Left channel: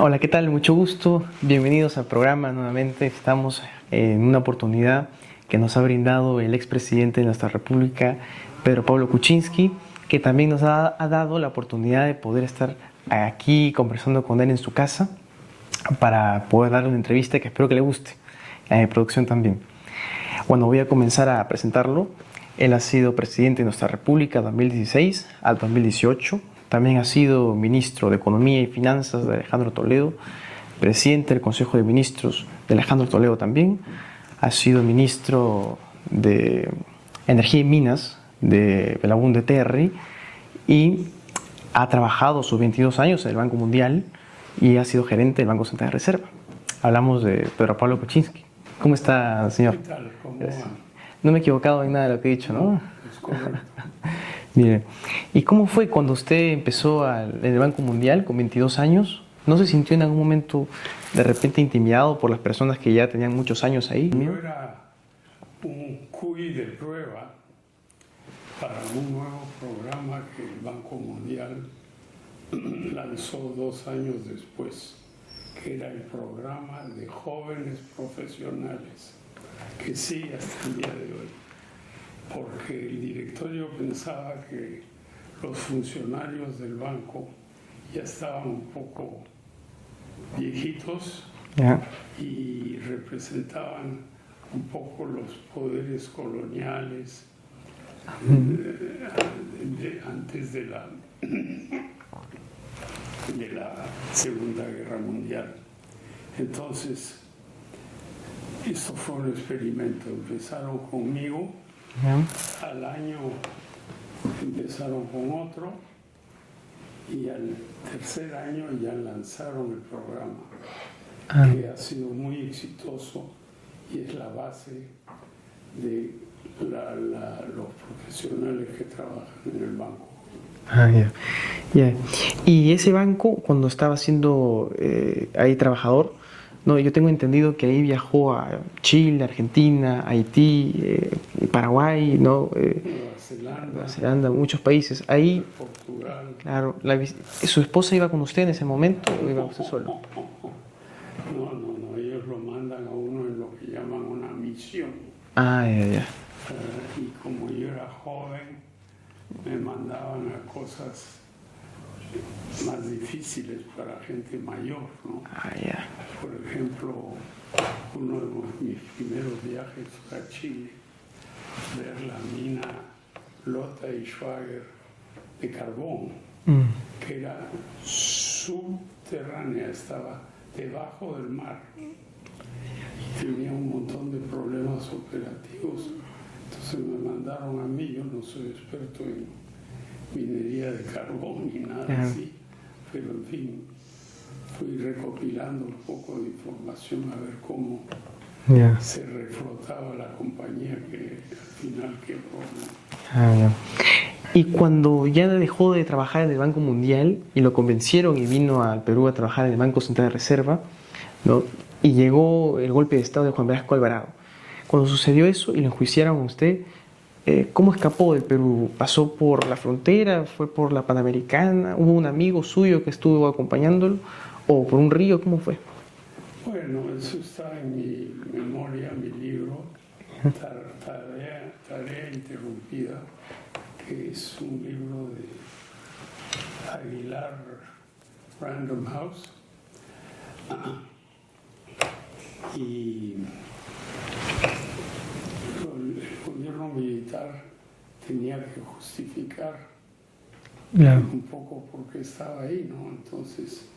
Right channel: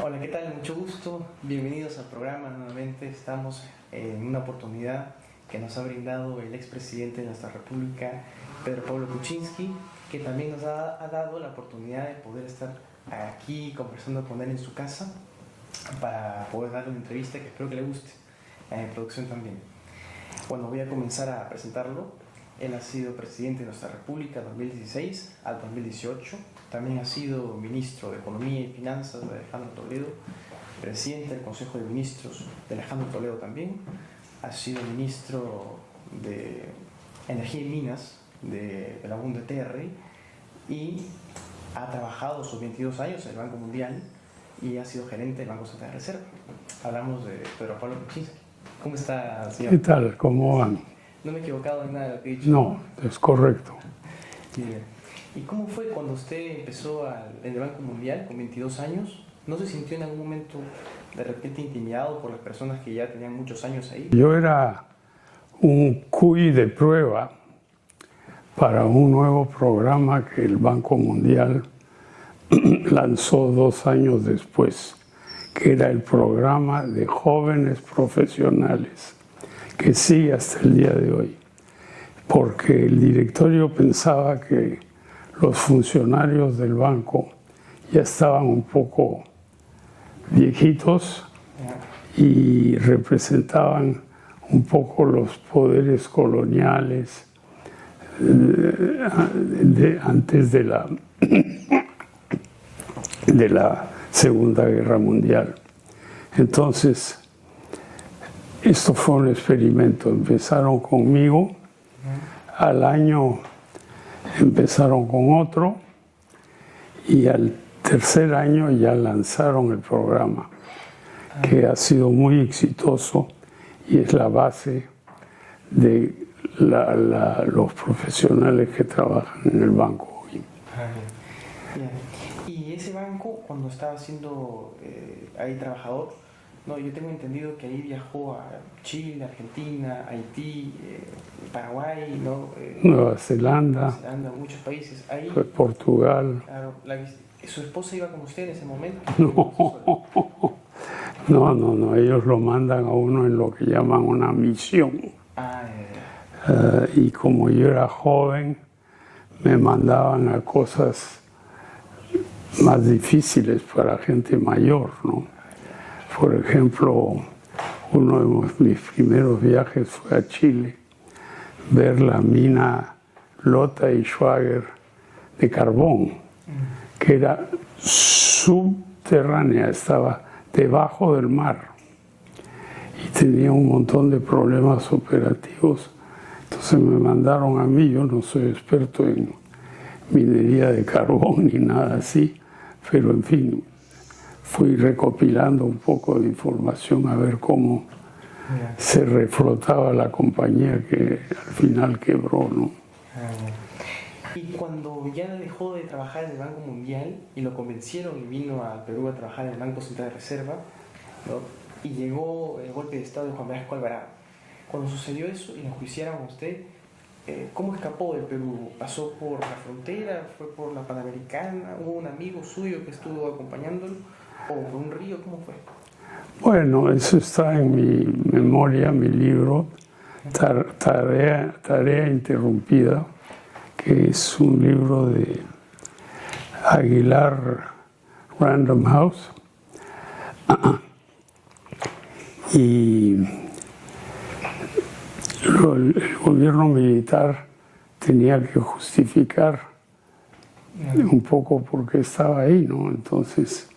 Hola, ¿qué tal? Mucho gusto. Bienvenidos al programa nuevamente. Estamos en una oportunidad que nos ha brindado el expresidente de nuestra República, Pedro Pablo Kuczynski, que también nos ha dado la oportunidad de poder estar aquí conversando con él en su casa para poder darle una entrevista que espero que le guste, a mi producción también. Bueno, voy a comenzar a presentarlo. Él ha sido presidente de nuestra República 2016 al 2018. También ha sido ministro de Economía y Finanzas de Alejandro Toledo, presidente del Consejo de Ministros de Alejandro Toledo también. Ha sido ministro de Energía y Minas de Belaúnde Terry y ha trabajado sus 22 años en el Banco Mundial y ha sido gerente del Banco Central de Reserva. Hablamos de Pedro Pablo Kuczynski. ¿Cómo está, señor? ¿Qué tal? ¿Cómo van? No me he equivocado en nada de lo que he dicho. No, es correcto. Mire, ¿y cómo fue cuando usted empezó en el Banco Mundial con 22 años? ¿No se sintió en algún momento de repente intimidado por las personas que ya tenían muchos años ahí? Yo era un CUI de prueba para un nuevo programa que el Banco Mundial lanzó 2 años después, que era el programa de jóvenes profesionales, que sigue hasta el día de hoy, porque el directorio pensaba que los funcionarios del banco ya estaban un poco viejitos y representaban un poco los poderes coloniales antes de la Segunda Guerra Mundial. Entonces, esto fue un experimento. Empezaron conmigo, al año empezaron con otro y al tercer año ya lanzaron el programa, que ha sido muy exitoso y es la base de los profesionales que trabajan en el banco hoy. Y ese banco, cuando estaba siendo ahí trabajador, no, yo tengo entendido que ahí viajó a Chile, Argentina, Haití, Paraguay, ¿no? Nueva Zelanda, muchos países. Ahí, Portugal. Claro, ¿su esposa iba con usted en ese momento? No, ellos lo mandan a uno en lo que llaman una misión. Y como yo era joven, me mandaban a cosas más difíciles para gente mayor, ¿no? Por ejemplo, uno de mis primeros viajes fue a Chile, ver la mina Lota y Schwager de carbón, que era subterránea, estaba debajo del mar y tenía un montón de problemas operativos. Entonces me mandaron a mí, yo no soy experto en minería de carbón ni nada así, pero en fin, fui recopilando un poco de información a ver cómo se reflotaba la compañía que al final quebró, ¿no? Y cuando ya dejó de trabajar en el Banco Mundial y lo convencieron y vino al Perú a trabajar en el Banco Central de Reserva, ¿no? Y llegó el golpe de Estado de Juan Velasco Alvarado. Cuando sucedió eso y lo enjuiciaron a usted, ¿cómo escapó del Perú? ¿Pasó por la frontera? ¿Fue por la Panamericana? ¿Hubo un amigo suyo que estuvo acompañándolo? ¿O por un río? ¿Cómo fue? Bueno, eso está en mi memoria, mi libro, Tarea Interrumpida, que es un libro de Aguilar Random House. Y el gobierno militar tenía que justificar un poco por qué estaba ahí, ¿no? Entonces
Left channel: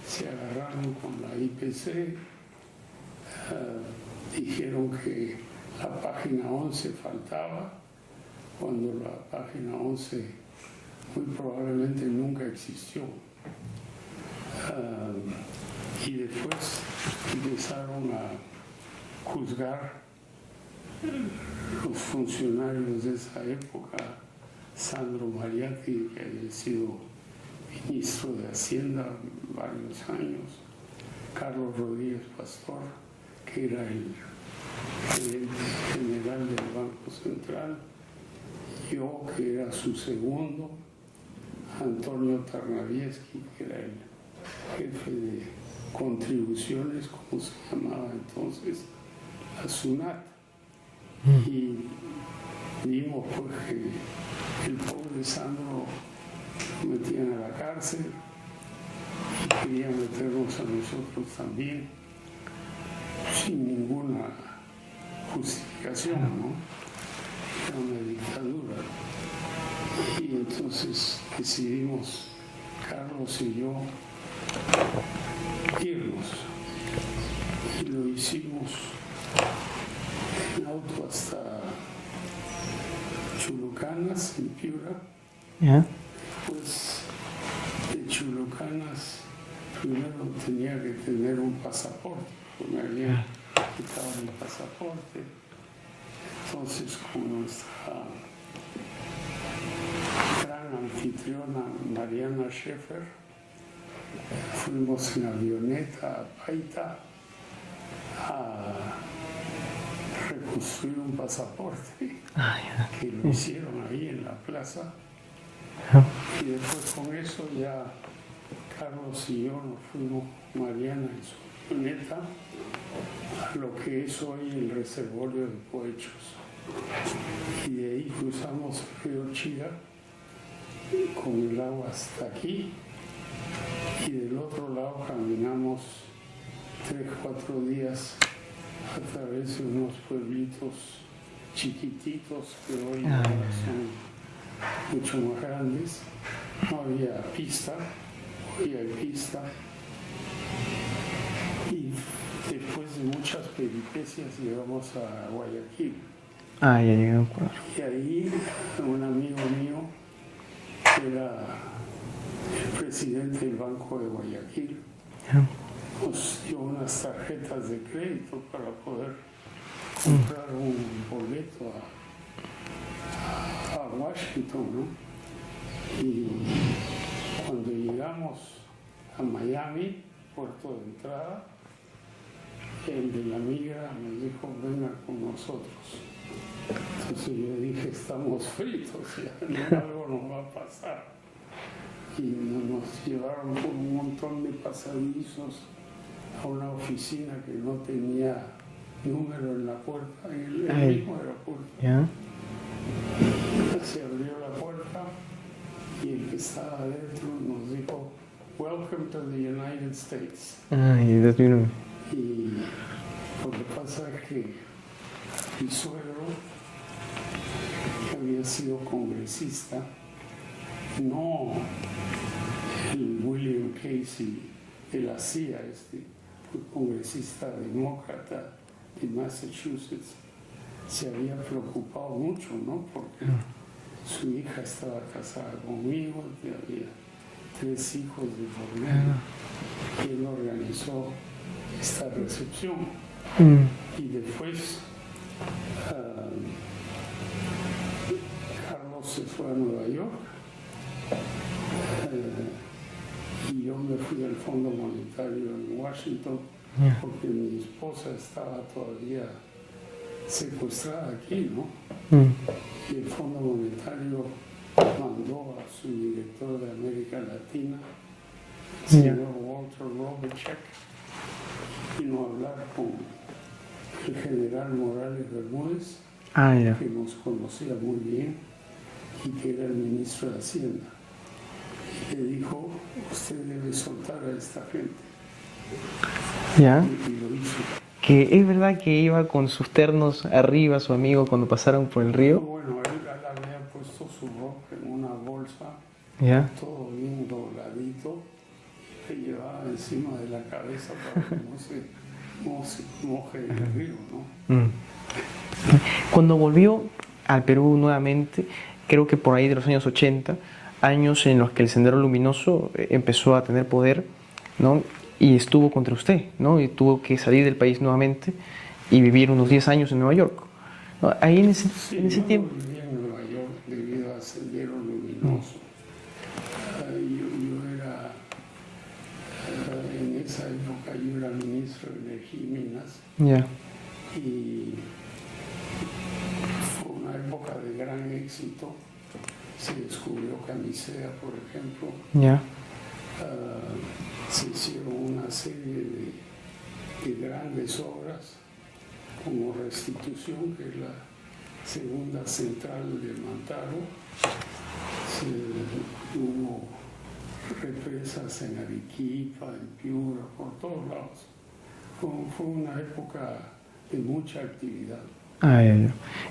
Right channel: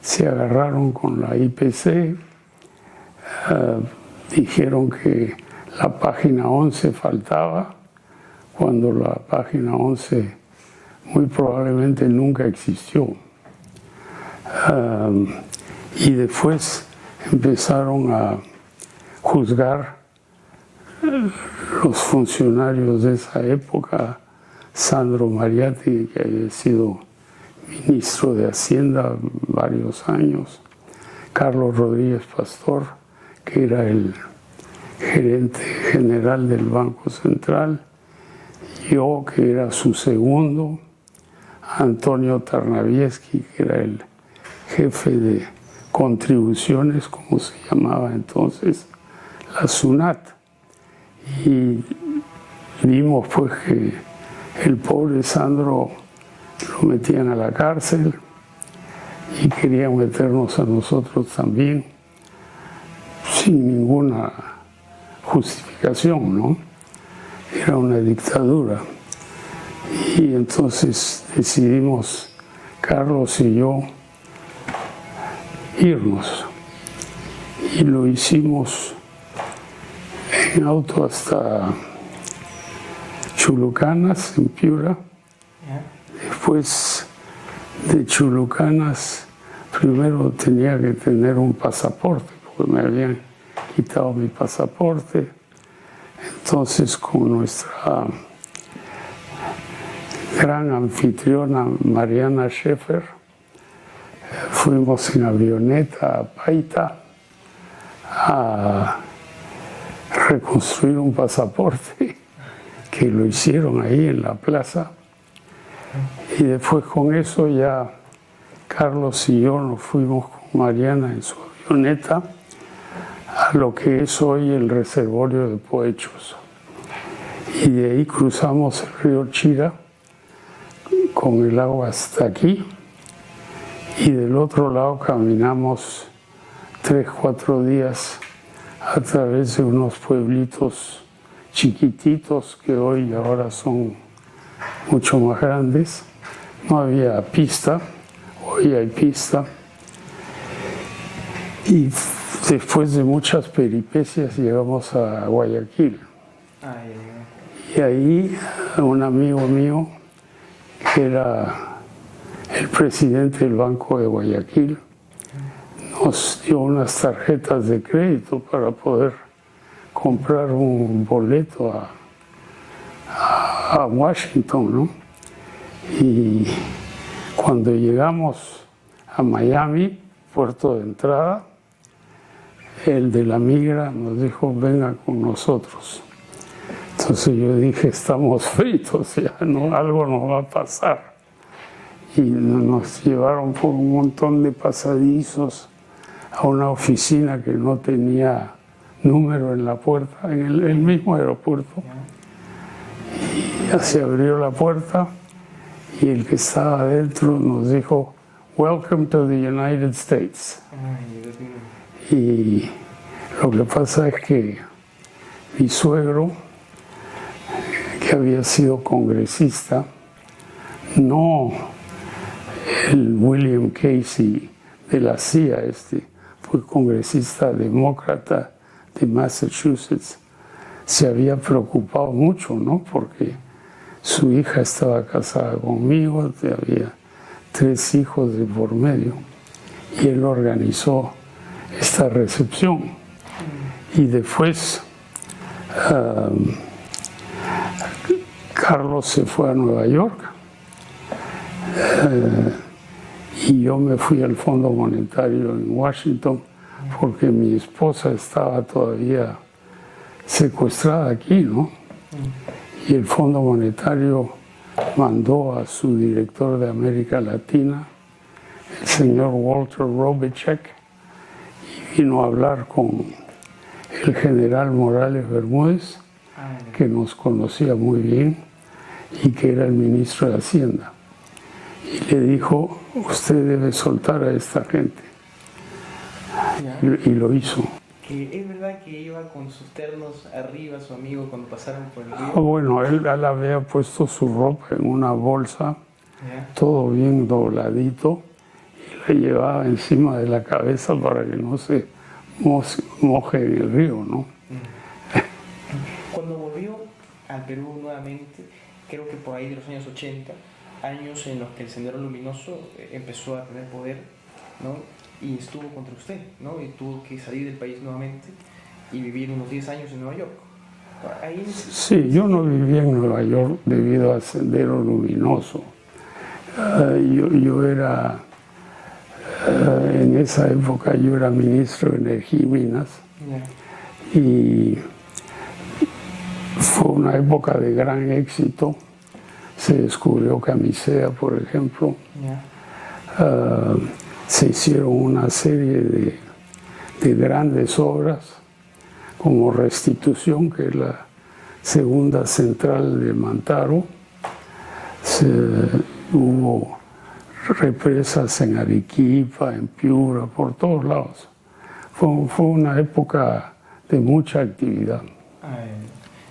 se agarraron con la IPC, dijeron que la página 11 faltaba, cuando la página 11 muy probablemente nunca existió. Y después empezaron a juzgar los funcionarios de esa época, Sandro Mariatti, que había sido ministro de Hacienda varios años, Carlos Rodríguez Pastor, que era el gerente general del Banco Central, yo, que era su segundo, Antonio Tarnavieski, que era el jefe de contribuciones, como se llamaba entonces, la SUNAT. Y vimos pues que el pobre Sandro lo metían a la cárcel y querían meternos a nosotros también sin ninguna justificación, ¿no? Era una dictadura. Y entonces decidimos, Carlos y yo, irnos. Y lo hicimos en auto hasta Chulucanas, en Piura. ¿Ya? Después de Chulucanas, primero tenía que tener un pasaporte, porque me habían quitado mi pasaporte. Entonces, con nuestra gran anfitriona Mariana Schaeffer, fuimos en avioneta a Paita a reconstruir un pasaporte que lo hicieron ahí en la plaza. Y después con eso ya Carlos y yo nos fuimos con Mariana en su avioneta a lo que es hoy el reservorio de Poechos. Y de ahí cruzamos el río Chira con el agua hasta aquí. Y del otro lado caminamos 3-4 días a través de unos pueblitos chiquititos que hoy y ahora son mucho más grandes. No había pista, hoy hay pista. Y después de muchas peripecias llegamos a Guayaquil. Ah, ya llegó. Y ahí un amigo mío, que era el presidente del Banco de Guayaquil, nos dio unas tarjetas de crédito para poder comprar un boleto a Washington, ¿no? Y cuando llegamos a Miami, puerto de entrada, el de la migra nos dijo, venga con nosotros. Entonces yo dije, estamos fritos, ya no, algo nos va a pasar. Y nos llevaron por un montón de pasadizos a una oficina que no tenía número en la puerta, en el mismo aeropuerto. Y ya se abrió la puerta y el que estaba adentro nos dijo, Welcome to the United States. Y lo que pasa es que mi suegro, que había sido congresista, no el William Casey de la CIA, fue congresista demócrata de Massachusetts, se había preocupado mucho, ¿no? Porque su hija estaba casada conmigo, había 3 hijos de por medio, y él organizó esta recepción. Y después Carlos se fue a Nueva York y yo me fui al Fondo Monetario en Washington porque mi esposa estaba todavía secuestrada aquí, ¿no? Y el Fondo Monetario mandó a su director de América Latina, el señor Walter Robichek, y vino a hablar con el general Morales Bermúdez, que nos conocía muy bien y que era el ministro de Hacienda. Y le dijo, usted debe soltar a esta gente. Y lo hizo. Que es verdad que iba con sus ternos arriba, su amigo, cuando pasaron por el río. Bueno, él había puesto su ropa en una bolsa, todo bien dobladito, y le llevaba encima de la cabeza para que no se moje en el río, ¿no? Cuando volvió al Perú nuevamente, creo que por ahí de los años 80, años en los que el Sendero Luminoso empezó a tener poder, ¿no? Y estuvo contra usted, ¿no? Y tuvo que salir del país nuevamente y vivir unos 10 años en Nueva York. Ahí en ese, sí, en ese yo tiempo... no vivía en Nueva York debido al Sendero Luminoso. Yo era, en esa época yo era ministro de Energía y Minas. Y fue una época de gran éxito. Se descubrió camisea, por ejemplo. se hicieron una serie de grandes obras como Restitución, que es la segunda central de Mantaro. Hubo represas en Arequipa, en Piura, por todos lados. Fue una época de mucha actividad.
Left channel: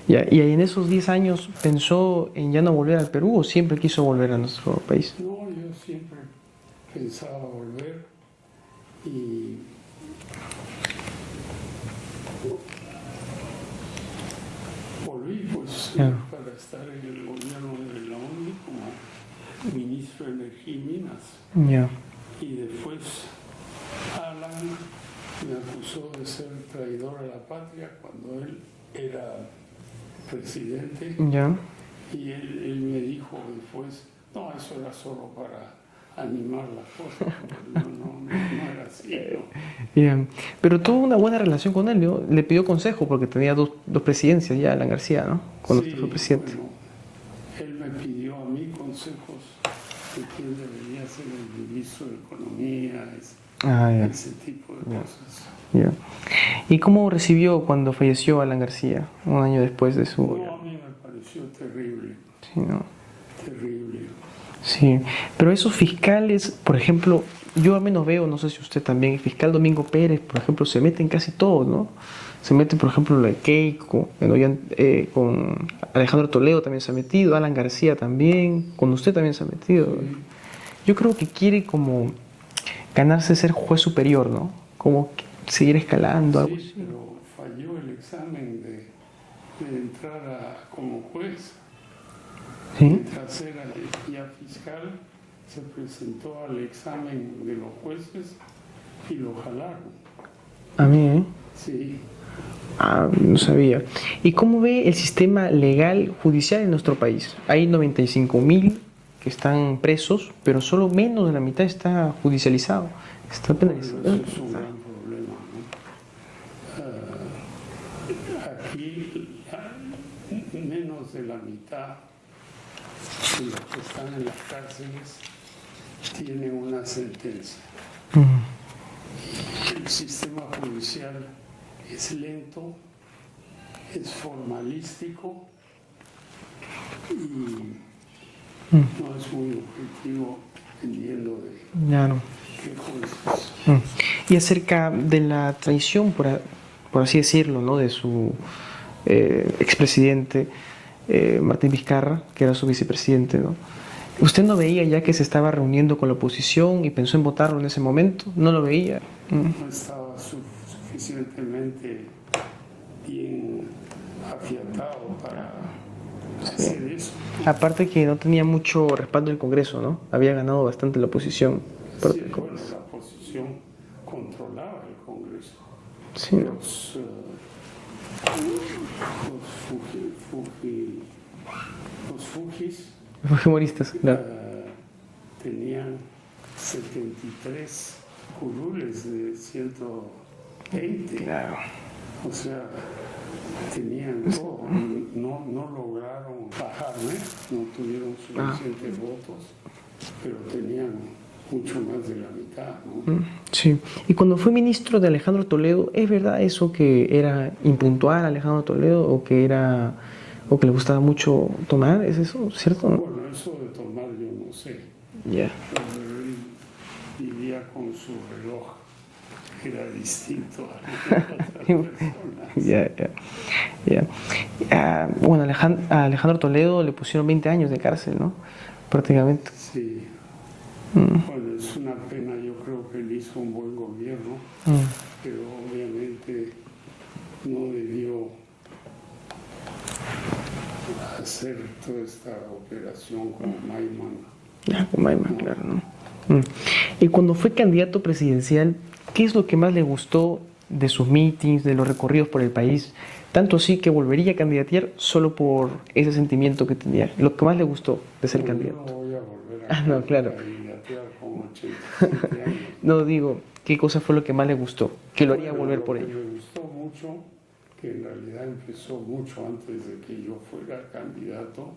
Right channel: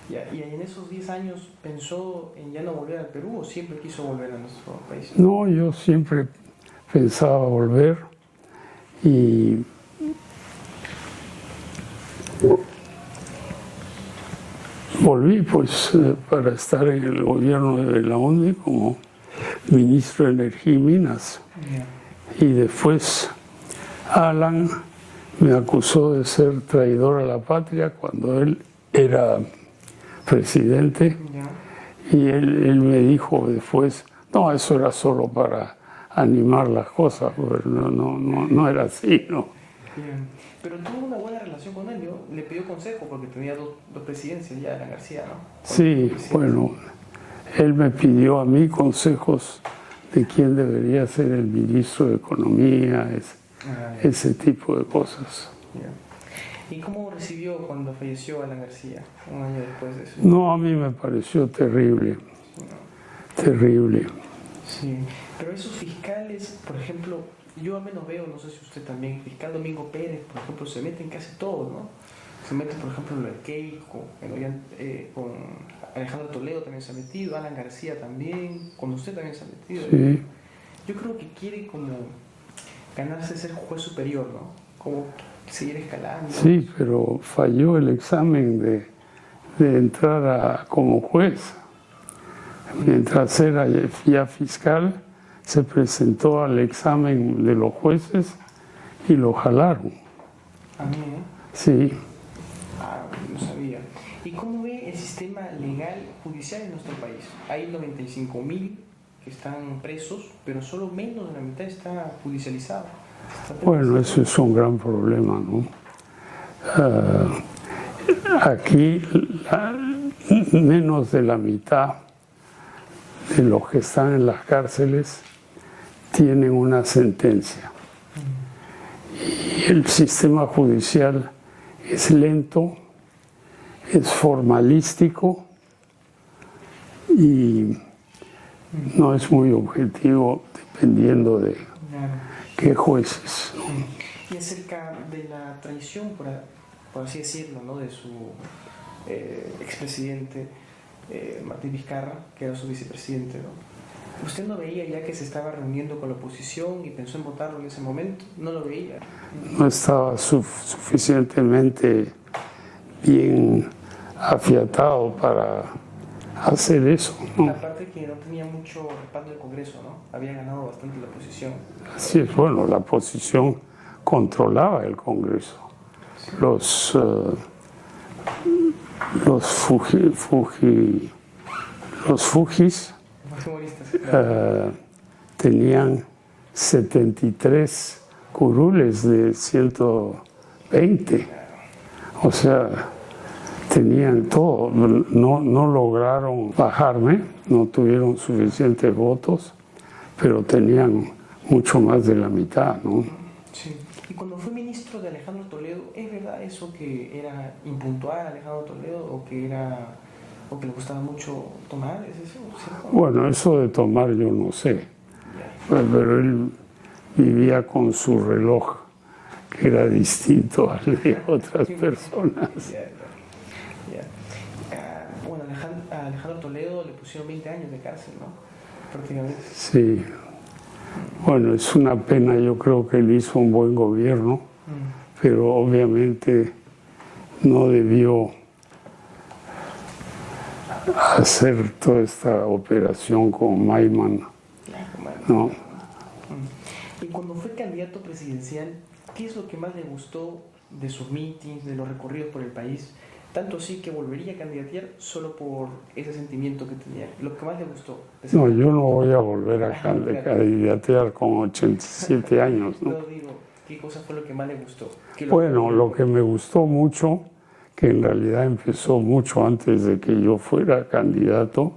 ¿Y en esos 10 años pensó en ya no volver al Perú o siempre quiso volver a nuestro país? No, yo siempre pensaba volver y volví pues para estar en el gobierno de Belaúnde como ministro de Energía y Minas. Yeah. Y después Alan me acusó de ser traidor a la patria cuando él era presidente. Yeah. Y él me dijo después, no, eso era solo para animar las cosas, porque no era así, ¿no? Bien, pero tuvo una buena relación con él, ¿no? Le pidió consejo porque tenía dos presidencias ya, Alan García, ¿no? Sí, bueno, él me pidió a mí consejos de quién debería ser el ministro de Economía, ese tipo de cosas. Yeah. ¿Y cómo recibió cuando falleció Alan García, un año después de su...? No, a mí me pareció terrible, sí, ¿no? Terrible. Sí, pero esos fiscales, por ejemplo, yo al menos veo, no sé si usted también, el fiscal Domingo Pérez, por ejemplo, se mete en casi todo, ¿no? Se mete, por ejemplo, la de Keiko, con Alejandro Toledo también se ha metido, Alan García también, con usted también se ha metido. Sí. Yo creo que quiere como ganarse ser juez superior, ¿no? Como seguir escalando. Sí, pero falló el examen de entrar como juez. Sí. Mientras era ya fiscal, se presentó al examen de los jueces y lo jalaron. ¿A mí, eh? Sí. No sabía. ¿Y cómo ve el sistema legal judicial en nuestro país? Hay 95.000 que están presos, pero solo menos de la mitad está judicializado. Bueno, eso es un gran problema, ¿no? Aquí menos de la mitad de los que están en las cárceles tienen una sentencia. Y el sistema judicial es lento, es formalístico y no es muy objetivo dependiendo de qué jueces. Y acerca de la traición, por así decirlo, ¿no? De su expresidente Martín Vizcarra, que era su vicepresidente, ¿no? ¿Usted no veía ya que se estaba reuniendo con la oposición y pensó en votarlo en ese momento? ¿No lo veía? No estaba suficientemente bien afiatado para hacer eso, ¿no? Aparte que no tenía mucho respaldo en el Congreso, ¿no? Había ganado bastante la oposición. Sí, bueno, la oposición controlaba el Congreso. Sí. Los fujimoristas tenían 73 curules de 120. O sea, tenían todo. No lograron bajarme, no tuvieron suficientes votos, pero tenían mucho más de la mitad, ¿no? Sí. Y cuando fue ministro de Alejandro Toledo, ¿es verdad eso que era impuntual Alejandro Toledo o que le gustaba mucho tomar? ¿Es eso cierto? ¿No? Bueno, eso de tomar yo no sé. Yeah. Pero él vivía con su reloj, que era distinto al de otras personas. Bueno, a Alejandro Toledo le pusieron 20 años de cárcel, ¿no? Prácticamente. Sí. Bueno, es una pena, yo creo que él hizo un buen gobierno, pero obviamente no debió hacer toda esta operación con Maiman. Con Maiman, no. Claro, ¿no? Y cuando fue candidato presidencial, ¿qué es lo que más le gustó de sus mítines, de los recorridos por el país? Tanto así que volvería a candidatear solo por ese sentimiento que tenía. Lo que más le gustó de ser candidato. Yo no voy a volver a candidatear con 87 años. No, digo, ¿qué cosa fue lo que más le gustó? Bueno, lo que me gustó mucho, que en realidad empezó mucho antes de que yo fuera candidato,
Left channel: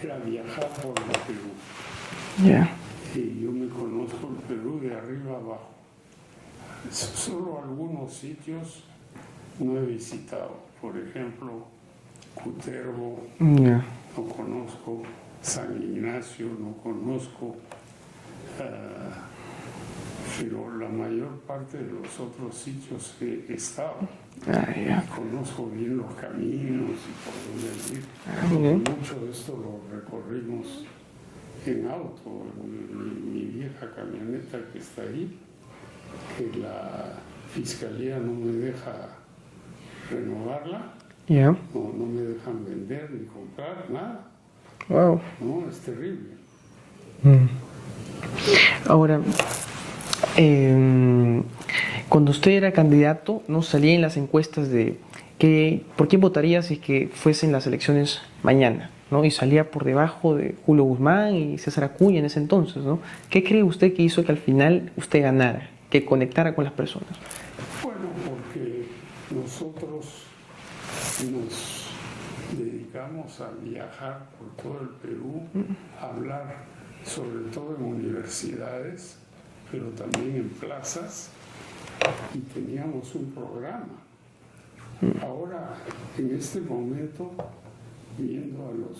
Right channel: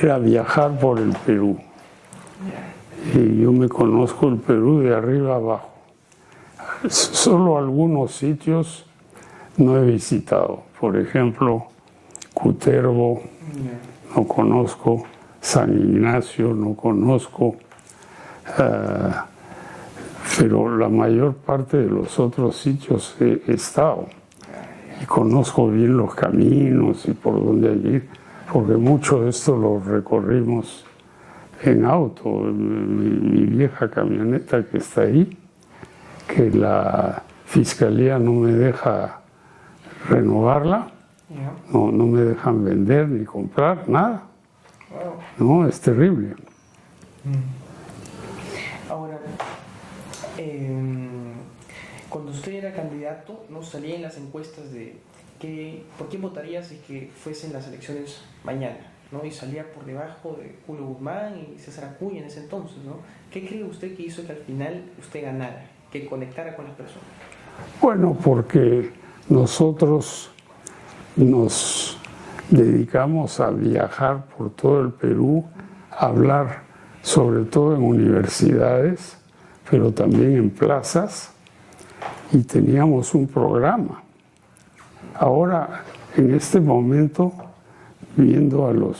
era viajar por el Perú. Y yo me conozco el Perú de arriba abajo. Solo algunos sitios no he visitado. Por ejemplo, Cutervo, no conozco. San Ignacio, no conozco. Pero la mayor parte de los otros sitios he estado. Y conozco bien los caminos y por dónde ir, porque mucho de esto lo recorrimos en auto. Mi vieja camioneta que está ahí, que la fiscalía no me deja renovarla, no me dejan vender ni comprar, nada. Wow. No, es terrible. Ahora, cuando usted era candidato, ¿no? Salía en las encuestas de por quién votaría si que fuesen las elecciones mañana, ¿no? Y salía por debajo de Julio Guzmán y César Acuña en ese entonces, ¿no? ¿Qué cree usted que hizo que al final usted ganara, que conectara con las personas? Bueno, porque nosotros nos dedicamos a viajar por todo el Perú, a hablar sobre todo en universidades, pero también en plazas, y teníamos un programa. Ahora, en este momento, viendo a los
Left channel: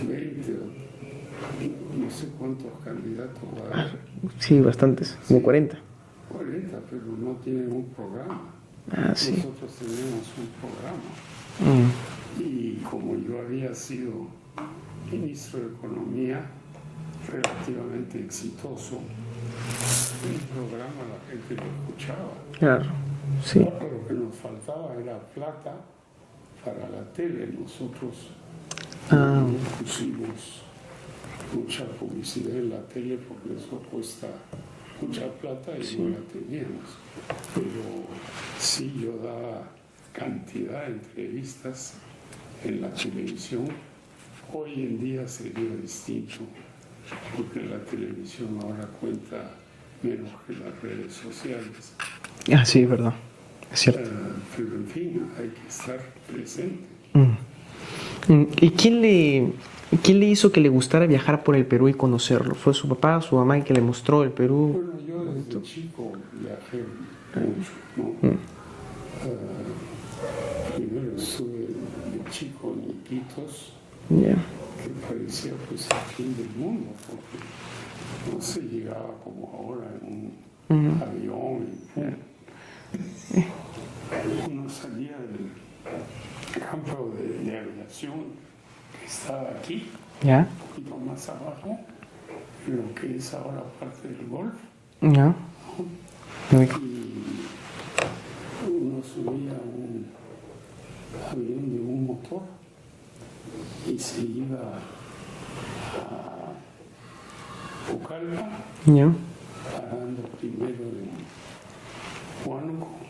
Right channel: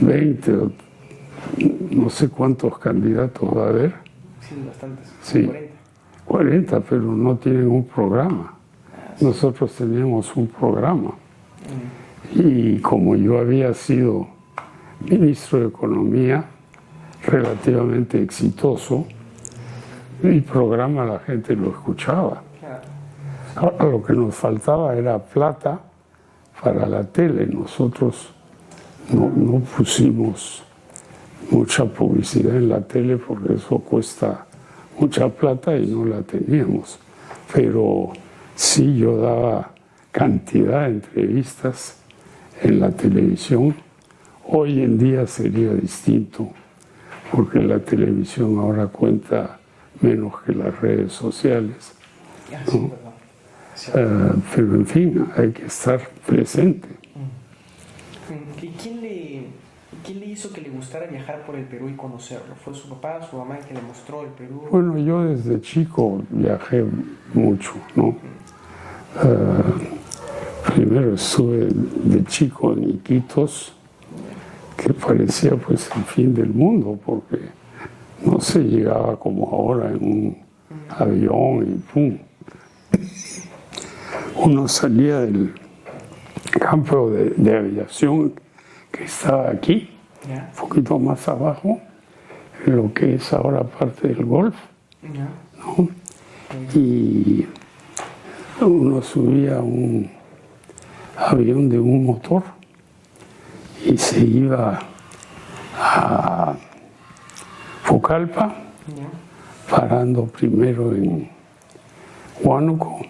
20 o no sé cuántos candidatos va a haber. Sí, bastantes, Sí, 40. 40, pero no tienen un programa. Sí. Nosotros tenemos un programa. Y como yo había sido ministro de Economía, relativamente exitoso, mi programa la gente lo escuchaba. Claro. Sí. Ahora, lo que nos faltaba era plata para la tele. Nosotros no pusimos mucha publicidad en la tele porque eso cuesta mucha plata y no la teníamos. Pero sí, yo daba cantidad de entrevistas en la televisión. Hoy en día sería distinto, porque la televisión ahora cuenta menos que las redes sociales. Sí, es verdad. Es cierto. Pero en fin, hay que estar presente. ¿Y quién le hizo que le gustara viajar por el Perú y conocerlo? ¿Fue su papá, su mamá, el que le mostró el Perú? Bueno, yo desde chico viajé mucho, ¿no? Primero estuve de chico en Iquitos, que parecía pues el fin del mundo, porque no se llegaba como ahora en un avión y pum. Uno salía del campo de aviación que estaba aquí, un poquito más abajo, en lo que es ahora parte del Golf, ¿no? Y uno subía a un avión de un motor y se iba a Pucallpa, parando primero en Huánuco.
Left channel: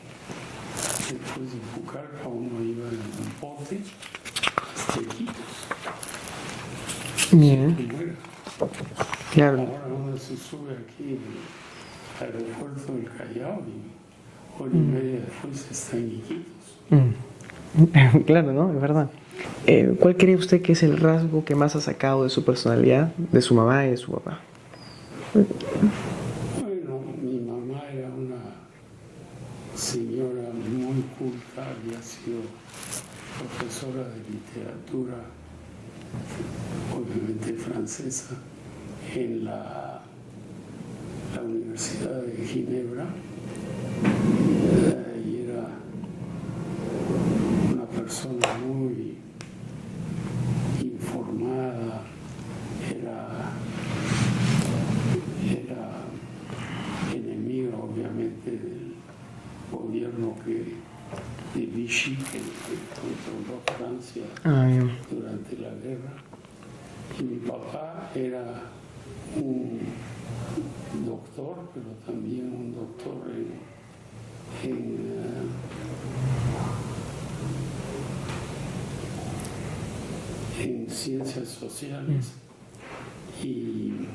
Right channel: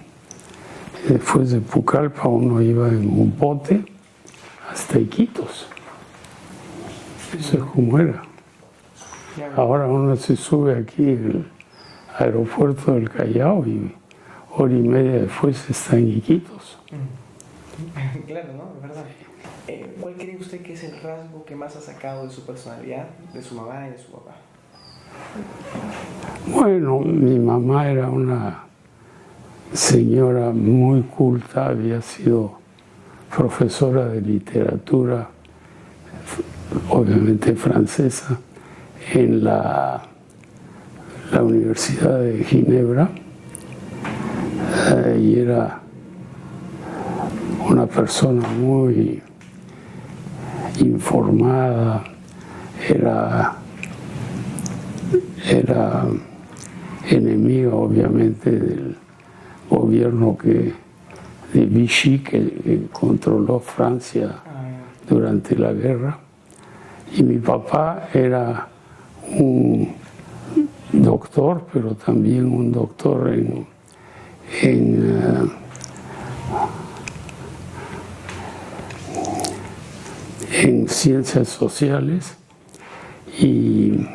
Después de Pucallpa uno iba en un bote hasta Iquitos. Eso es como era. Claro. Ahora uno se sube aquí en el aeropuerto del Callao y hora y media después está en Iquitos. Claro, ¿no? Es verdad. ¿Cuál cree usted que es el rasgo que más ha sacado de su personalidad, de su mamá y de su papá? Bueno, mi mamá era una señora muy culta, había sido profesora de literatura, obviamente francesa, en la Universidad de Ginebra, y era una persona muy informada, era enemiga obviamente del gobierno de Vichy que controló Francia durante la guerra. Y mi papá era un doctor, pero también un doctor en ciencias sociales, y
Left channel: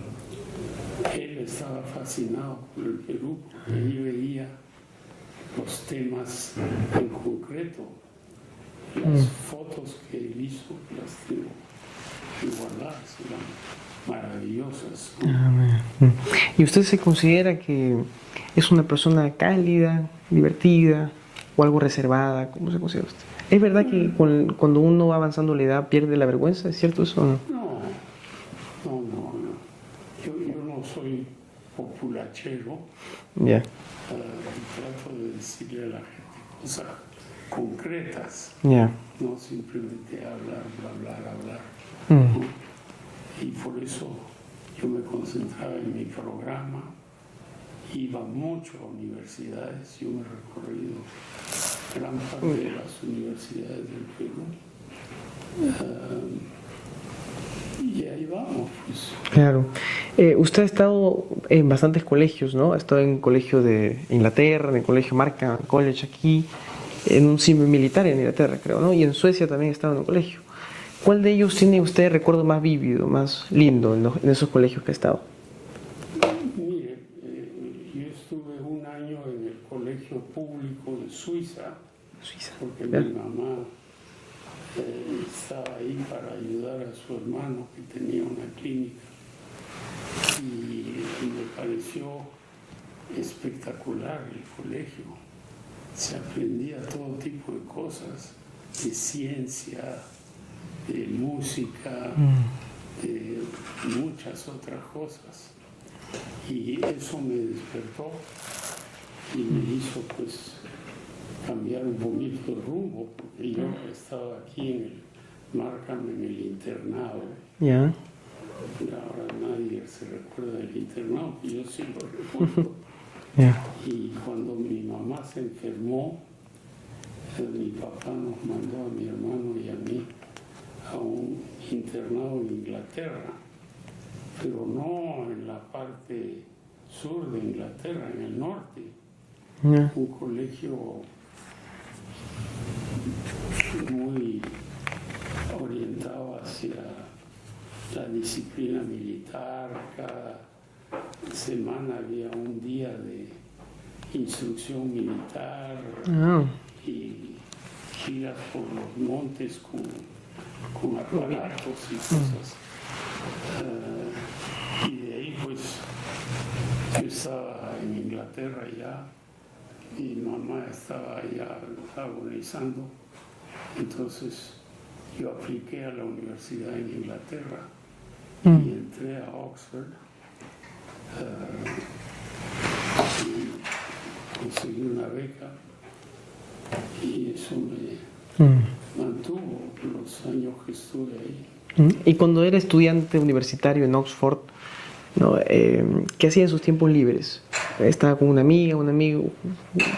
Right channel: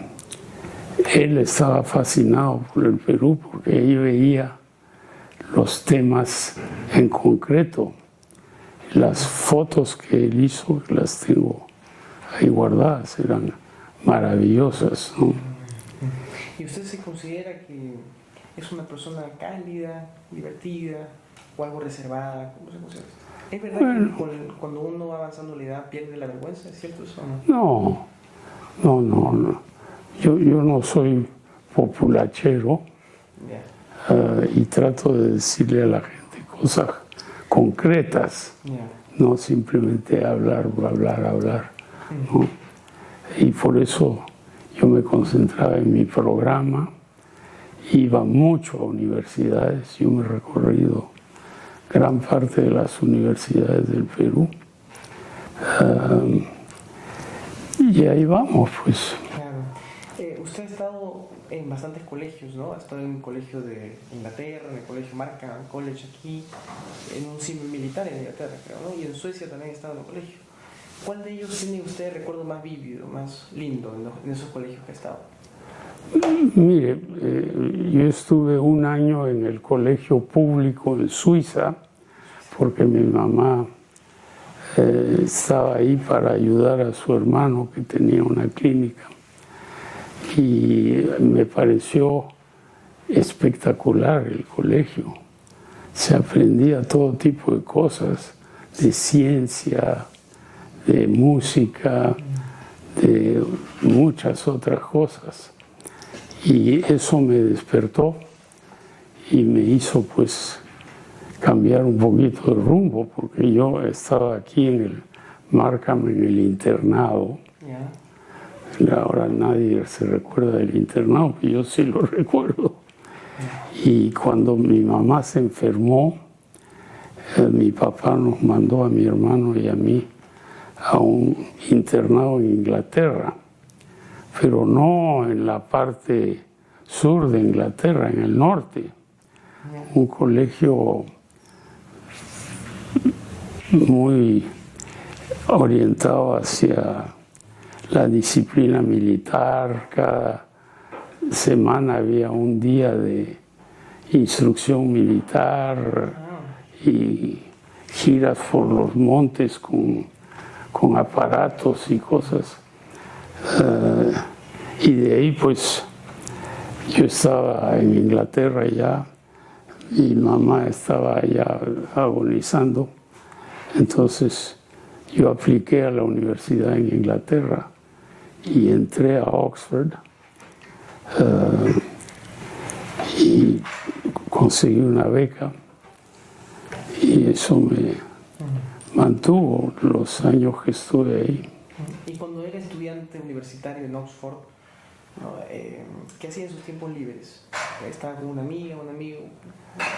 él estaba fascinado por el Perú porque ahí veía los temas en concreto. Las fotos que él hizo las tengo ahí guardadas, eran maravillosas, ¿no? ¿Y usted se considera que es una persona cálida, divertida o algo reservada? ¿Cómo se considera usted? ¿Es verdad que cuando uno va avanzando la edad pierde la vergüenza? ¿Es cierto eso o no? No. Yo no soy populachero. Ya. Y trato de decirle a la gente cosas concretas, Ya. no simplemente hablar. ¿No? Y por eso yo me concentraba en mi programa, iba mucho a universidades, yo me he recorrido gran parte de las universidades del Perú. Y ahí vamos, pues. Claro. Usted ha estado en bastantes colegios, ¿no? Ha estado en el colegio de Inglaterra, en el colegio Markham College aquí, en un civil militar en Inglaterra, creo, ¿no? Y en Suecia también ha estado en un colegio. ¿Cuál de ellos tiene usted recuerdo más vívido, más lindo en esos colegios que ha estado? Mire, yo estuve un año en el colegio público en Suiza, porque mi mamá estaba ahí para ayudar a su hermano que tenía una clínica. Y me pareció espectacular el colegio. Se aprendía todo tipo de cosas, de ciencia, de música, de muchas otras cosas. Y eso me despertó y me hizo pues cambiar un poquito de rumbo, porque yo estaba aquí en el Markham, en el internado. Ya. Ahora nadie se recuerda del internado, pero yo sí lo recuerdo. Ya. Y cuando mi mamá se enfermó, mi papá nos mandó a mi hermano y a mí a un internado en Inglaterra, pero no en la parte sur de Inglaterra, en el norte. Ya. Un colegio muy orientado hacia la disciplina militar. Cada semana había un día de instrucción militar y giras por los montes con aparatos y cosas. Y de ahí pues yo estaba en Inglaterra ya, mi mamá estaba allá agonizando, entonces yo apliqué a la universidad en Inglaterra y entré a Oxford y conseguí una beca y eso me mantuvo los años que estuve ahí. Y cuando era estudiante universitario en Oxford, ¿no? ¿Qué hacía en sus tiempos libres? ¿Estaba con una amiga, un amigo?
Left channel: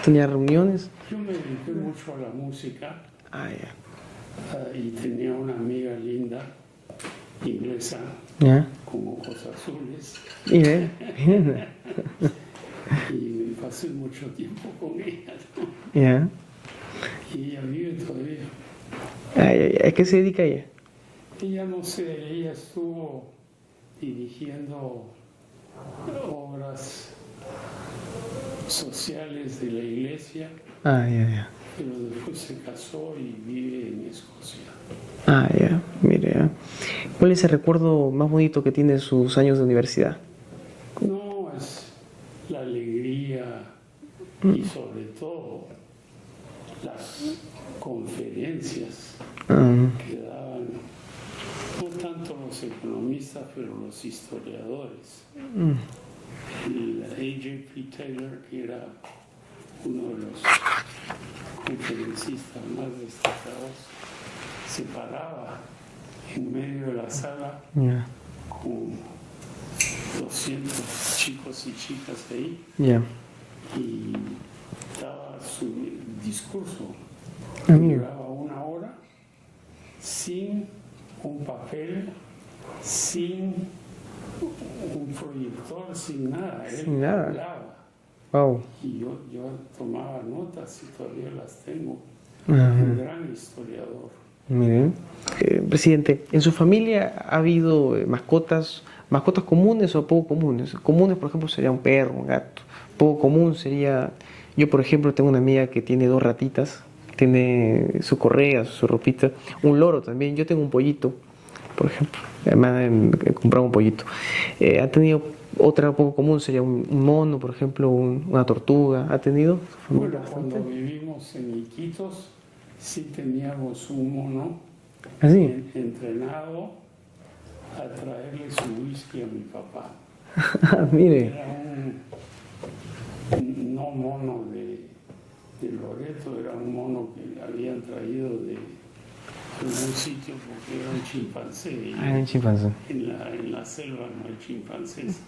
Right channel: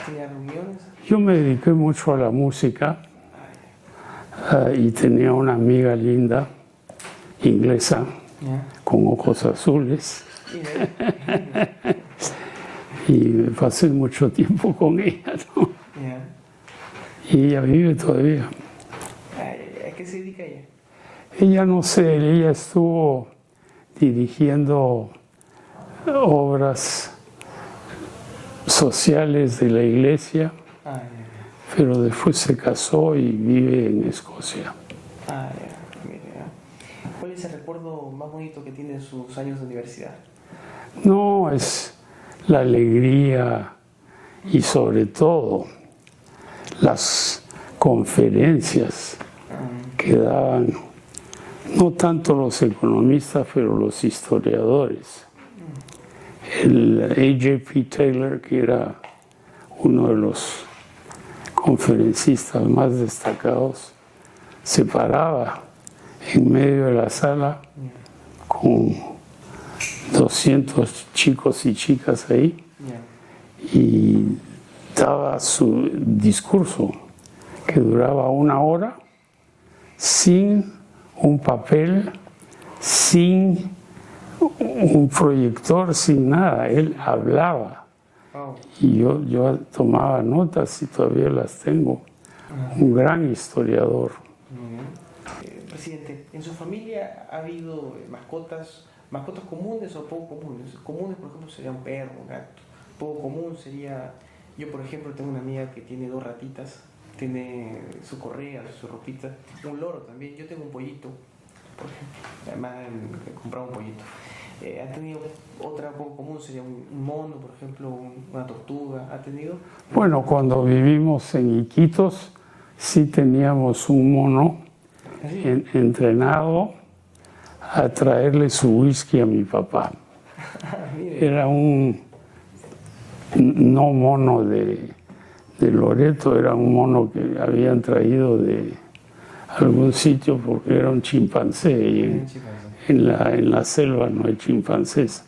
¿Tenía reuniones? Yo me dediqué mucho a la música y tenía una amiga linda, inglesa, con ojos azules. Y me pasé mucho tiempo con ella, ¿no? Y ella vive todavía. ¿A qué se dedica ella? Ella no sé, ella estuvo dirigiendo obras sociales de la iglesia, pero después se casó y vive en Escocia. Mire. ¿Cuál es el recuerdo más bonito que tiene de sus años de universidad? No, es la alegría y sobre todo las conferencias que daban, no tanto los economistas, pero los historiadores. El A.J.P. Taylor, que era uno de los conferencistas más destacados, se paraba en medio de la sala con 200 chicos y chicas ahí y daba su discurso que duraba 1 hora sin un papel, sin un proyector, sin nada. Él hablaba. Y yo tomaba notas y todavía las tengo. Un gran historiador. Miren. Presidente, ¿en su familia ha habido mascotas comunes o poco comunes? Comunes, por ejemplo, sería un perro, un gato. Poco común sería... Yo, por ejemplo, tengo una amiga que tiene 2 ratitas, tiene su correa, su ropita, un loro también. Yo tengo un pollito por ejemplo. Además de comprar un pollito. ¿Ha tenido otra poco común? ¿Sería un mono, por ejemplo, una tortuga? ¿Ha tenido? Bueno, cuando vivimos en Iquitos, sí teníamos un mono entrenado a traerle su whisky a mi papá. Mire. Era un no mono de Loreto, era un mono que habían traído de algún sitio porque era un chimpancé. Y Chimpancé. en la selva no hay chimpancés,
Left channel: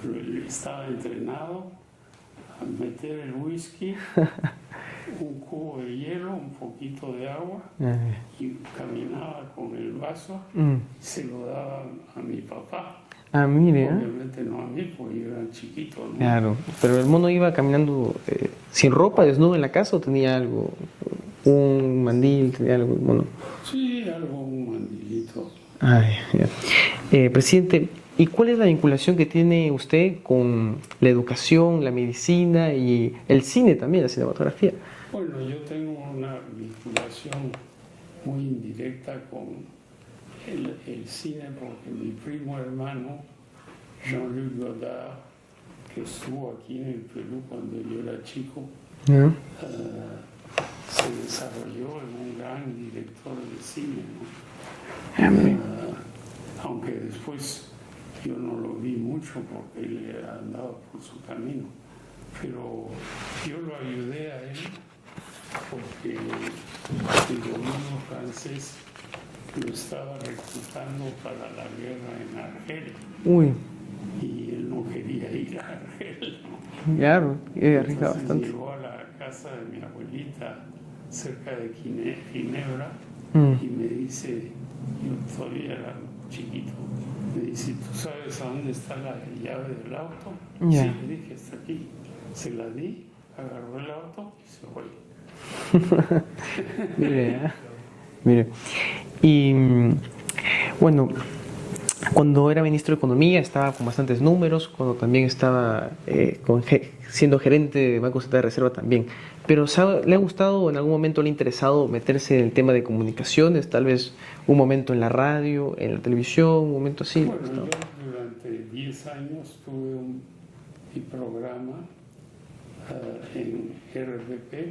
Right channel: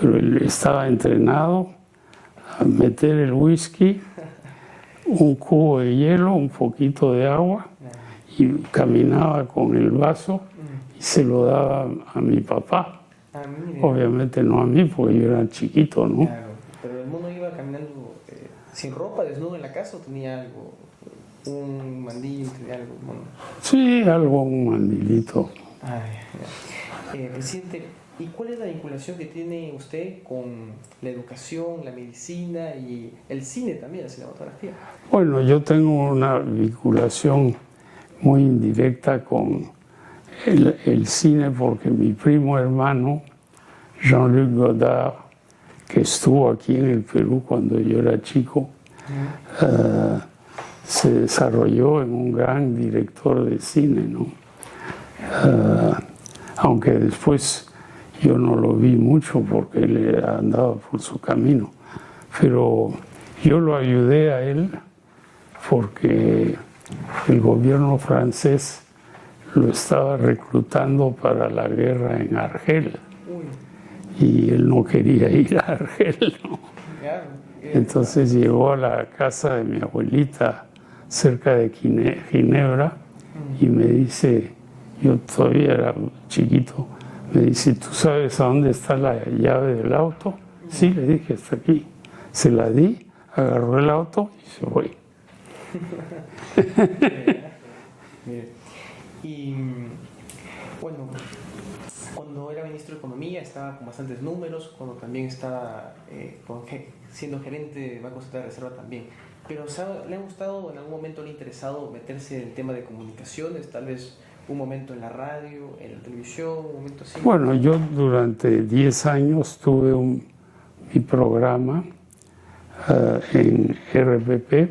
pero él estaba entrenado a meter el whisky, un cubo de hielo, un poquito de agua, y caminaba con el vaso y se lo daba a mi papá. Ah, mire. Obviamente no a mí, porque yo era chiquito, ¿no? Claro, pero el mono iba caminando sin ropa, desnudo en la casa, o tenía algo, un mandil, tenía algo, bueno. Sí, algo, un mandilito. Ay, ya. Presidente, ¿y cuál es la vinculación que tiene usted con la educación, la medicina y el cine también, la cinematografía? Bueno, yo tengo una vinculación muy indirecta con el cine porque mi primo hermano, Jean-Luc Godard, que estuvo aquí en el Perú cuando yo era chico, se desarrolló en un gran director de cine, ¿no? Aunque después yo no lo vi mucho porque él andaba por su camino, pero yo lo ayudé a él porque el gobierno francés lo estaba reclutando para la guerra en Argel. Uy. Y él no quería ir a Argel, ¿no? Claro. Entonces llegó a la casa de mi abuelita cerca de Ginebra y me dice, yo todavía era chiquito, me dice, ¿tú sabes a dónde está la llave del auto? Yeah. Sí, le dije, está aquí. Se la di, agarró el auto y se fue. Mire. Y bueno, cuando era ministro de Economía estaba con bastantes números, cuando también estaba siendo gerente de Banco Central de Reserva también. Pero ¿le ha gustado o en algún momento le ha interesado meterse en el tema de comunicaciones? Tal vez un momento en la radio, en la televisión, un momento así. Bueno, yo durante 10 años tuve mi programa en RPP,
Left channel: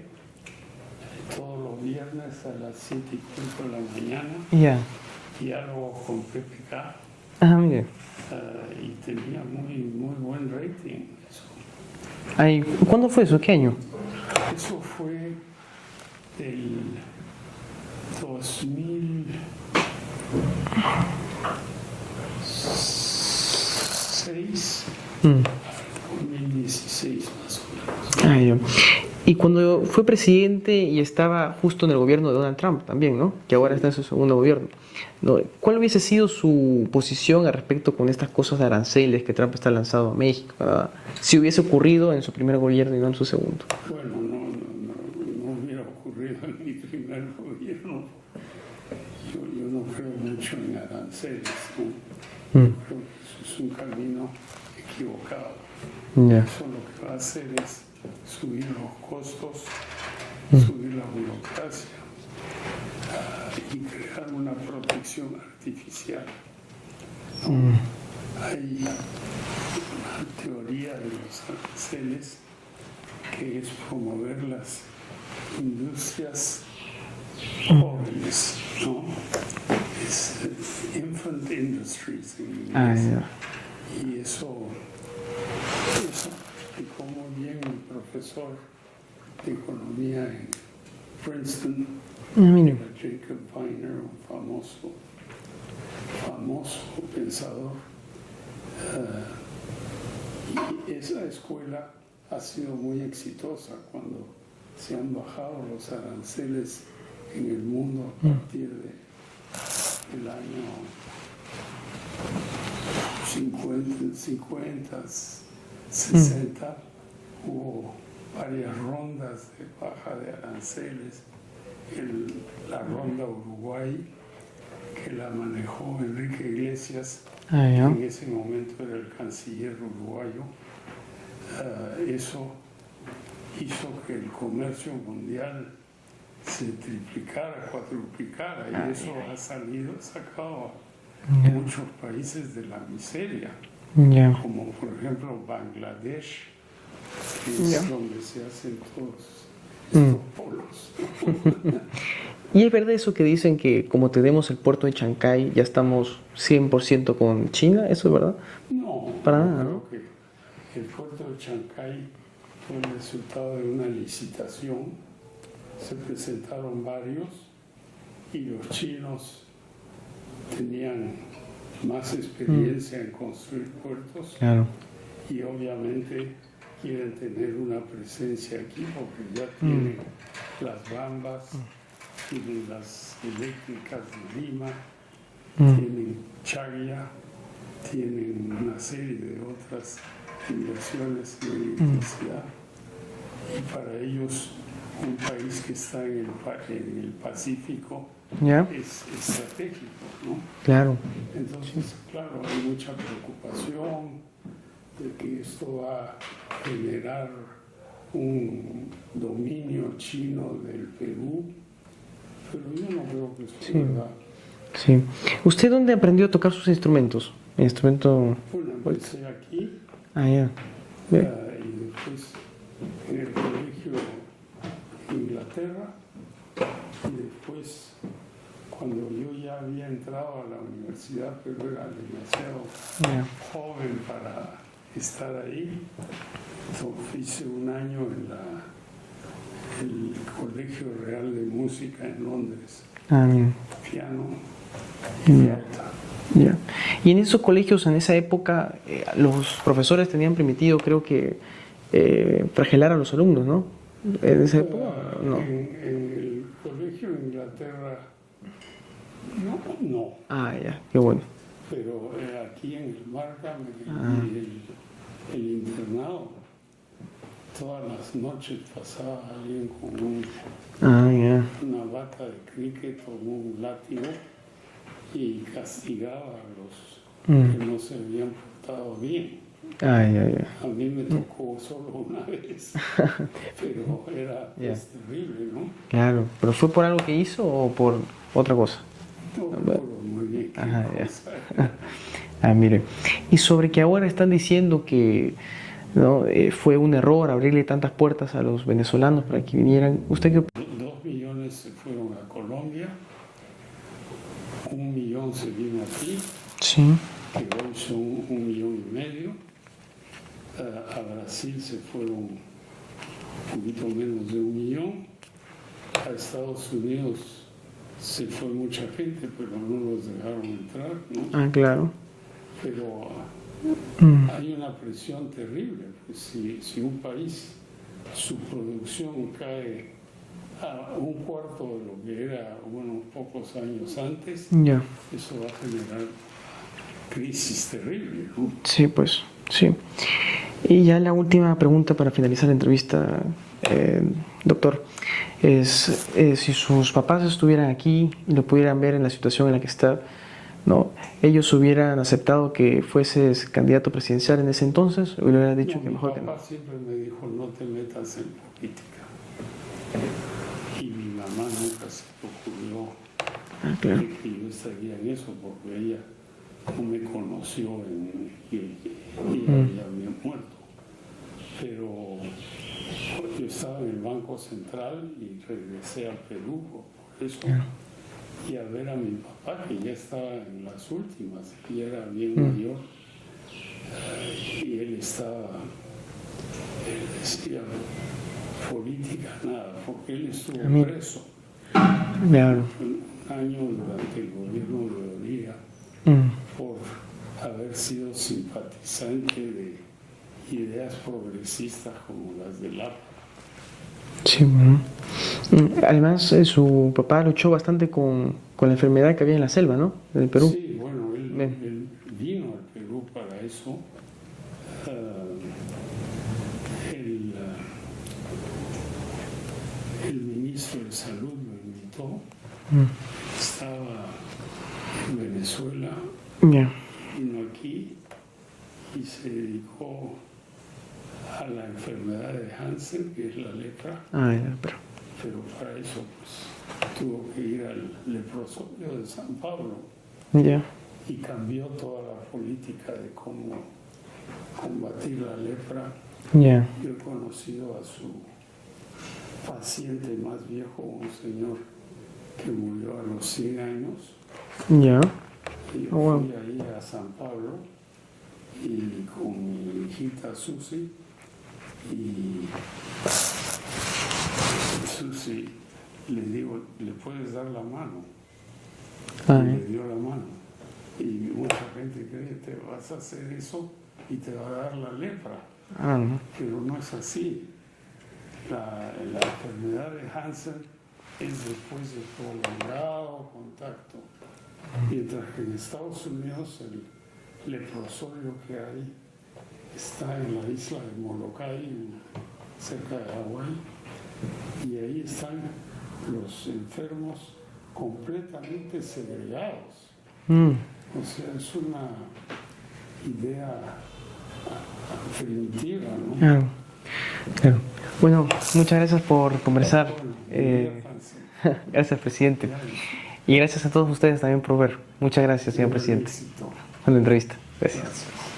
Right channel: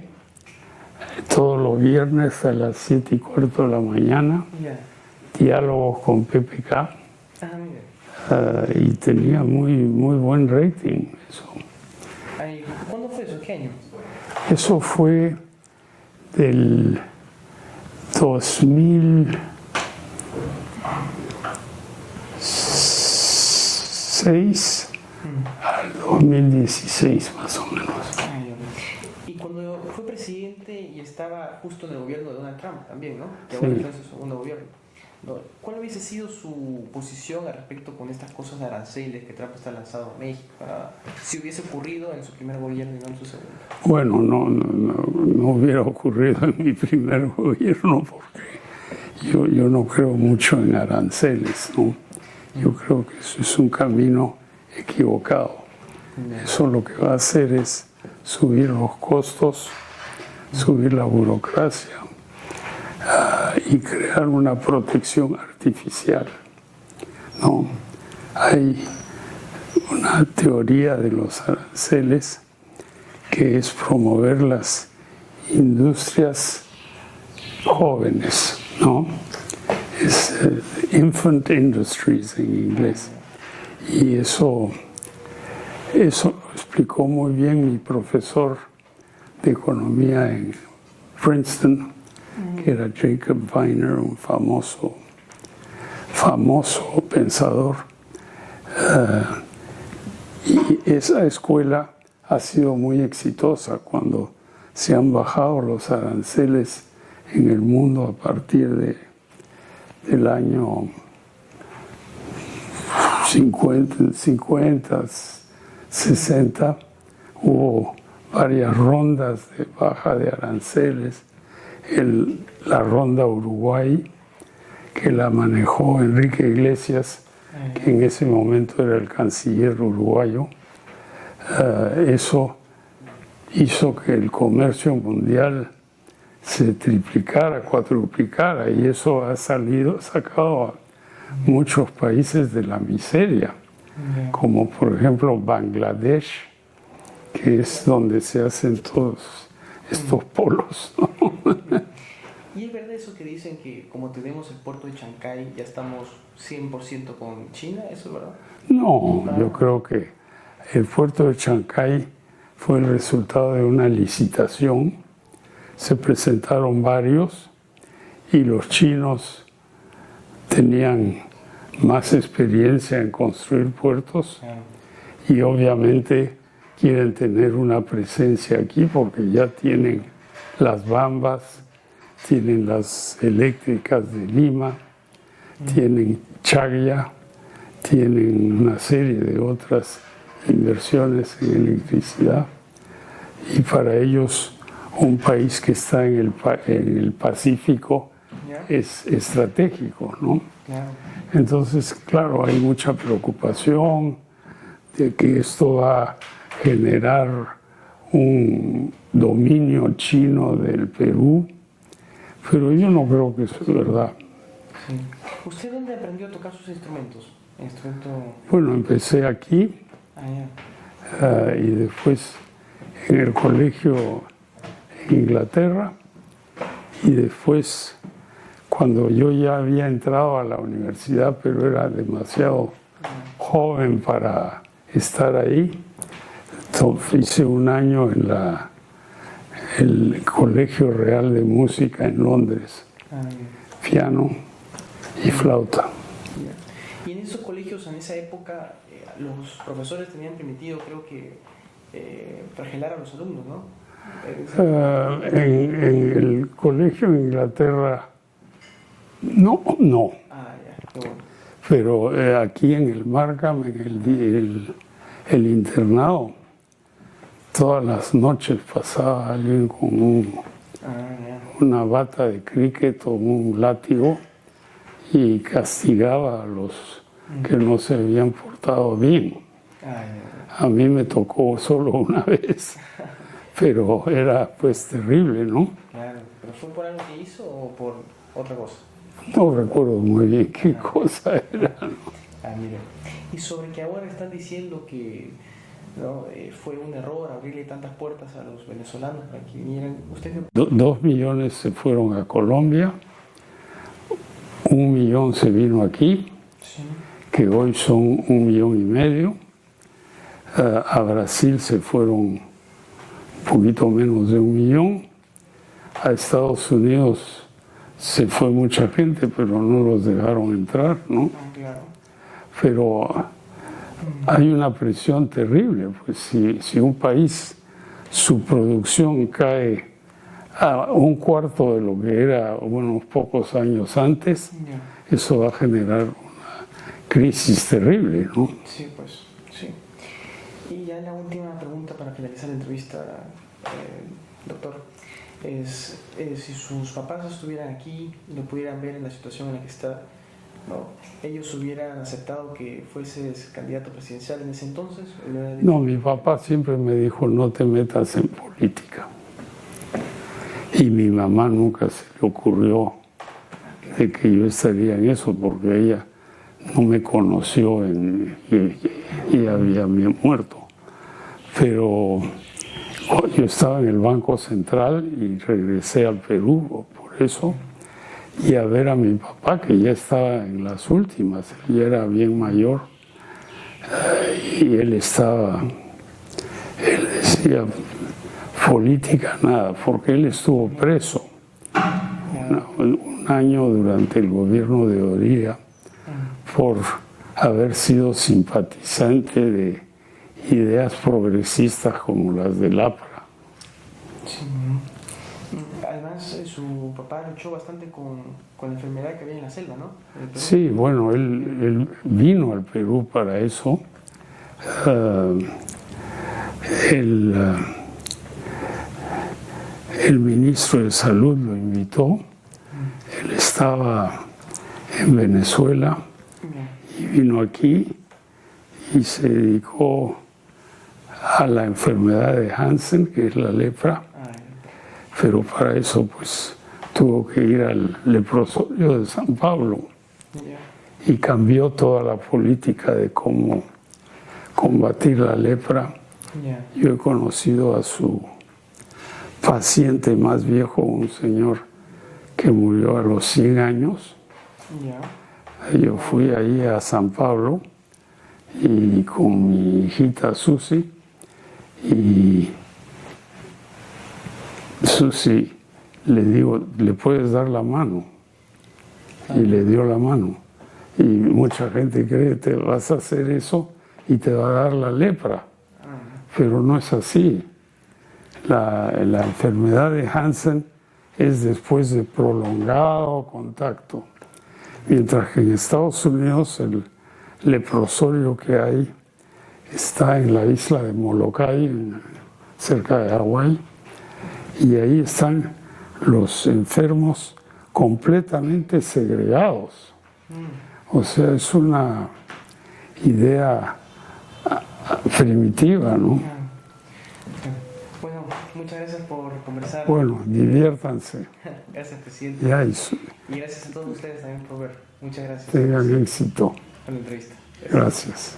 todos los viernes a las 7:15 de la mañana, diálogos con PPK. Ah, mire. Y tenía muy buen rating eso. Ay, ¿cuándo fue eso? ¿Qué año? Eso fue del 2006 al 2016 más o menos. Ay, y cuando fue presidente y estaba justo en el gobierno de Donald Trump también, ¿no? Que ahora está en su segundo gobierno. ¿No? ¿Cuál hubiese sido su posición al respecto con estas cosas de aranceles que Trump está lanzando a México? Si hubiese ocurrido en su primer gobierno y no en su segundo. Bueno, no hubiera ocurrido en mi primer gobierno porque yo no creo mucho en aranceles, ¿no? Yo creo que eso es un camino equivocado. Eso lo que va a hacer es subir los costos, subir la burocracia y crear una protección artificial, ¿no? Hay una teoría de los aranceles que es promover las industrias jóvenes, ¿no? Es infant industries en inglés. Y eso explicó muy bien mi profesor de economía en Princeton, que era Jacob Viner, un famoso pensador. Y esa escuela ha sido muy exitosa cuando se han bajado los aranceles en el mundo a partir del año 50, 60. Hubo varias rondas de baja de aranceles. La ronda Uruguay, que la manejó Enrique Iglesias, que en ese momento era el canciller uruguayo. Eso hizo que el comercio mundial se triplicara, cuadruplicara, y eso ha sacado muchos países de la miseria, Ya. como por ejemplo Bangladesh, que es donde se hacen todos estos polos, ¿no? ¿Y es verdad eso que dicen que como tenemos el puerto de Chancay, ya estamos 100% con China? ¿Eso es verdad? No, Para yo nada. creo que el puerto de Chancay fue el resultado de una licitación. Se presentaron varios y los chinos tenían más experiencia en construir puertos Claro. y obviamente quieren tener una presencia aquí porque ya tienen las Bambas, tienen las eléctricas de Lima, tienen Chagya, tienen una serie de otras inversiones en electricidad y para ellos un país que está en el Pacífico Ya. es estratégico, ¿no? Claro. Entonces, claro, hay mucha preocupación de que esto va a generar un dominio chino del Perú, pero yo no creo que eso es verdad. Sí. ¿Usted dónde aprendió a tocar sus instrumentos? El instrumento... Bueno, empecé aquí Ah, ya. y después en el colegio en Inglaterra y después cuando yo ya había entrado a la universidad, pero era demasiado joven para estar ahí, entonces hice un año en el Colegio Real de Música en Londres, Ah, bien. piano y flauta. Ya. Y en esos colegios, en esa época, los profesores tenían permitido, creo que, fragelar a los alumnos, ¿no? En esa época, ¿no? En el colegio en Inglaterra, no. Ah, ya, qué bueno. Pero aquí en el Markham, en el internado, todas las noches pasaba alguien con Ah, ya. una bata de cricket o un látigo y castigaba a los que no se habían portado bien. Ah, ya, ya. A mí me tocó solo una vez, pero era pues terrible, ¿no? Claro. ¿Pero fue por algo que hizo o por otra cosa? No recuerdo muy bien qué cosa era. Ah, mire. Y sobre que ahora están diciendo que ¿no? Fue un error abrirle tantas puertas a los venezolanos para que vinieran. ¿Usted qué opina? 2 millones se fueron a Colombia, 1 millón se vino aquí, Sí. que hoy son 1,5 millones. A Brasil se fueron un poquito menos de 1 millón. A Estados Unidos se fue mucha gente, pero no los dejaron entrar, ¿no? Ah, claro. Pero hay una presión terrible, pues si un país, su producción cae a 1/4 de lo que era unos pocos años antes, Ya. eso va a generar una crisis terrible, ¿no? Sí, pues, sí. Y ya la última pregunta para finalizar la entrevista, doctor, es si sus papás estuvieran aquí y lo pudieran ver en la situación en la que está, ¿no? ¿Ellos hubieran aceptado que fueses candidato presidencial en ese entonces? ¿O le hubieran dicho No, que mi mejor que no? papá siempre me dijo, no te metas en política. Y mi mamá nunca se le ocurrió Ah, claro. de que yo estaría en eso, porque ella no me conoció y había muerto. Pero yo estaba en el Banco Central y regresé al Perú por eso, y a ver a mi papá, que ya estaba en las últimas, él ya era bien mayor, y él decía, política nada, porque él estuvo preso Ya. un año durante el gobierno de Oria por haber sido simpatizante de ideas progresistas como las del APRA. Sí. Además, su papá luchó bastante con la enfermedad que había en la selva, ¿no? Del Perú. Sí, bueno, él vino al Perú para eso. El ministro de Salud lo invitó. Él estaba en Venezuela Ya. y vino aquí y se dedicó a la enfermedad de Hansen, que es la lepra, Ah, ya, pero para eso pues tuvo que ir al leprosorio de San Pablo ya. y cambió toda la política de cómo combatir la lepra. Ya. Yo he conocido a su paciente más viejo, un señor que murió a los 100 años. Ya. Yo fui ahí a San Pablo y con mi hijita Susi, y Susi le digo, ¿le puedes dar la mano? Y le dio la mano. Y mucha gente cree que te vas a hacer eso y te va a dar la lepra. Pero no es así. La enfermedad de Hansen es después de prolongado contacto. Mientras que en Estados Unidos el leprosorio que hay está en la isla de Molokai, cerca de Hawái, y ahí están los enfermos completamente segregados. O sea, es una idea primitiva, ¿no? Claro. Bueno, muchas gracias por conversar. Bueno, diviértanse. Gracias, presidente. Ya, Y gracias a todos ustedes también por ver. Muchas gracias, señor tengan presidente, éxito. por la entrevista. Gracias.